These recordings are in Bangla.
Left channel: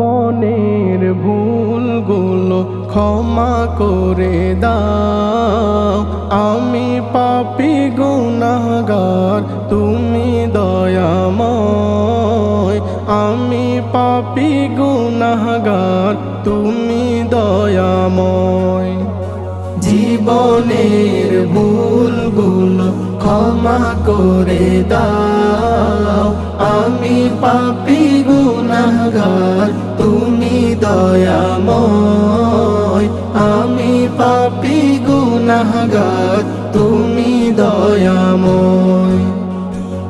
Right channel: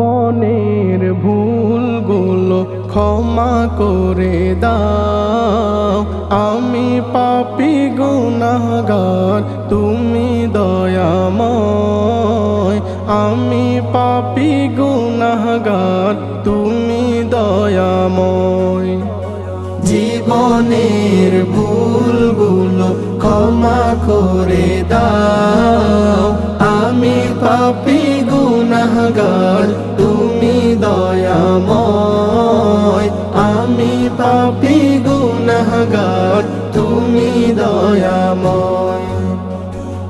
জীবনের ভুলগুলো ক্ষমা করে দাও। আমি পাপী গুনাহগার, তুমি দয়াময়। আমি পাপী গুনাহগার, তুমি দয়াময়। জীবনের ভুলগুলো ক্ষমা করে দাও। আমি পাপী গুনাহগার, তুমি দয়াময়। আমি পাপী গুনাহগার, তুমি দয়াময়।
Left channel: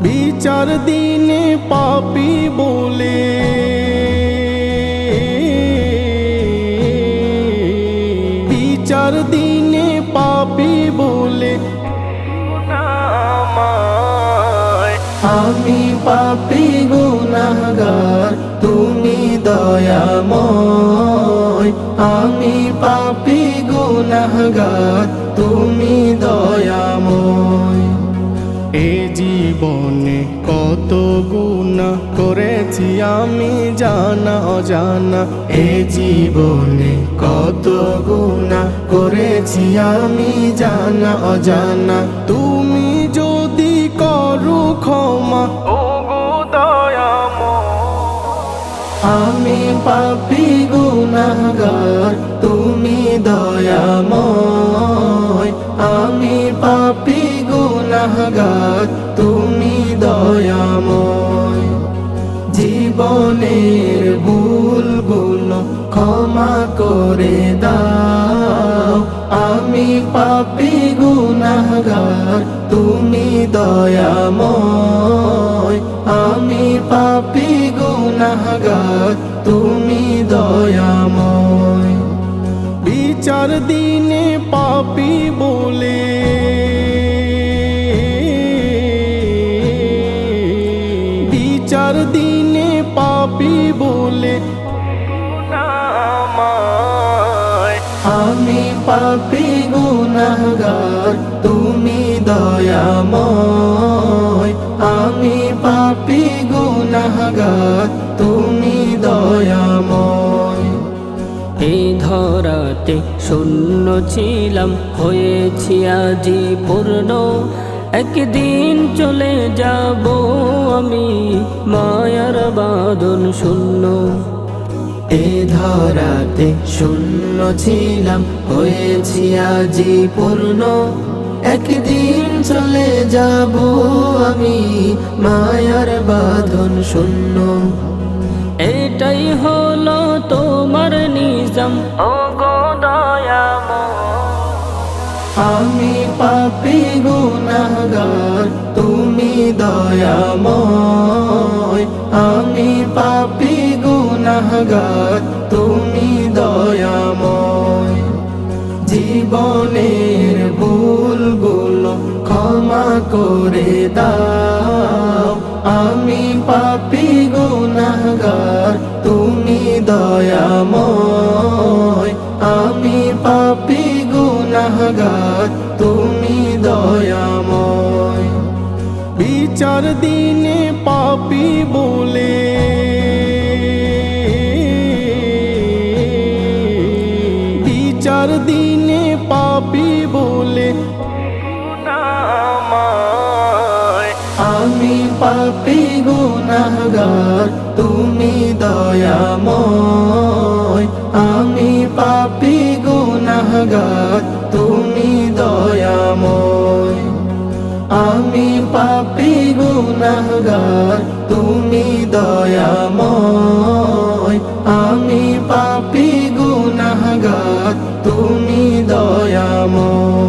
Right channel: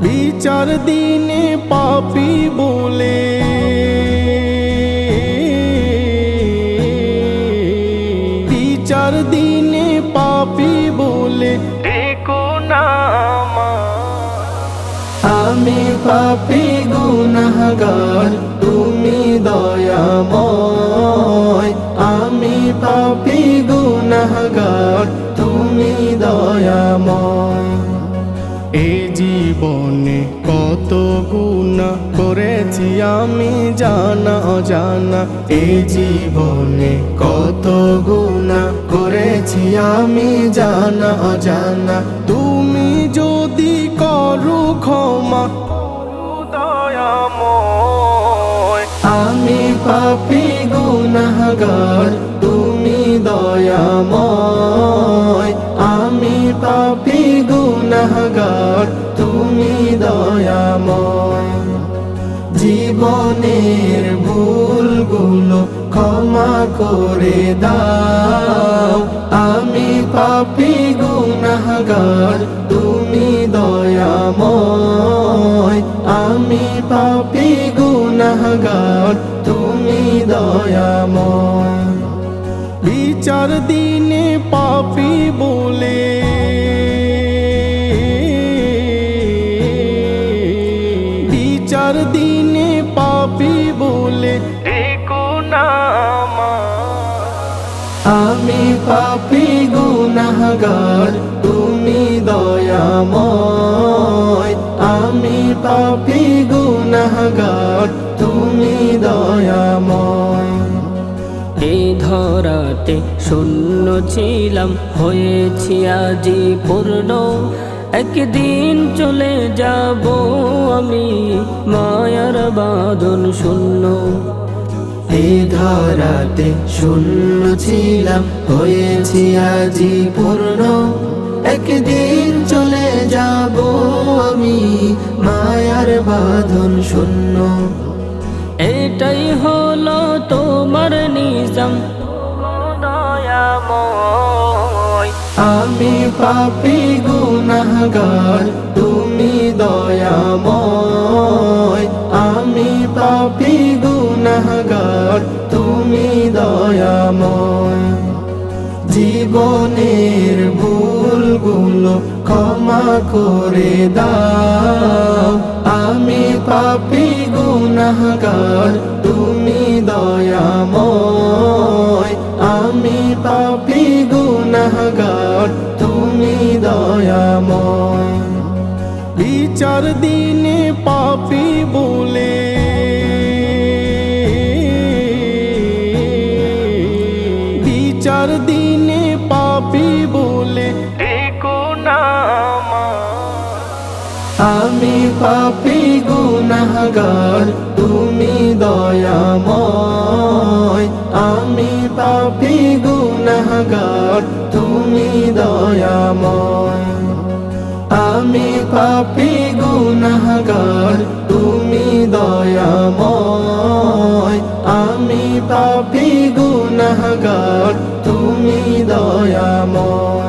বিচার দিনে পাপী বলে বিচার দিনে পাপী বলে ডেকো না আমায়। আমি পাপী গুনাহগার, তুমি দয়াময়। আমি পাপী গুনাহগার, তুমি দয়াময়। এ জীবনে কত গুনাহ করেছি আমি জানা অজানা। এ জীবনে কত গুনাহ করেছি আমি জানা অজানা। তুমি যদি করো ক্ষমা, ওগো দয়াময়। আমি পাপী গুনাহগার, তুমি দয়াময়। আমি পাপী গুনাহগার, তুমি দয়াময়। জীবনের ভুলগুলো ক্ষমা করে দাও। আমি পাপী গুনাহগার, তুমি দয়াময়। আমি পাপী গুনাহগার, তুমি দয়াময়। বিচার দিনে পাপী বলে বিচার দিনে পাপী বলে ডেকো না আমায়। আমি পাপী গুনাহগার, তুমি দয়াময়। আমি পাপী গুনাহগার, তুমি দয়াময়। এই ধরাতে শূন্য ছিলাম, হয়েছি আজি পূর্ণ। একদিন চলে যাব আমি, মায়ার বাঁধন শূন্য। এই ধরাতে শূন্য ছিলাম, হয়েছি আজি পূর্ণ। একদিন চলে যাব আমি, মায়ার বাঁধন শূন্য। এটাই হলো তোমার নিজাম, ওগো দয়াময়। আমি পাপী গুনাহগার, তুমি দয়াময়। আমি পাপী গুনাহগার, তুমি দয়াময়। জীবনের ভুলগুলো ক্ষমা করে দাও। আমি পাপী গুনাহগার, তুমি দয়াময়। আমি পাপী গুনাহগার, তুমি দয়াময়। বিচার দিনে পাপী বলে বিচার দিনে পাপী বলে ডেকো না আমায়। আমি পাপী গুনাহগার, তুমি দয়াময়। আমি পাপী গুনাহগার, তুমি দয়াময়। আমি পাপী গুনাহগার, তুমি দয়াময়। আমি পাপী গুনাহগার, তুমি দয়াময়।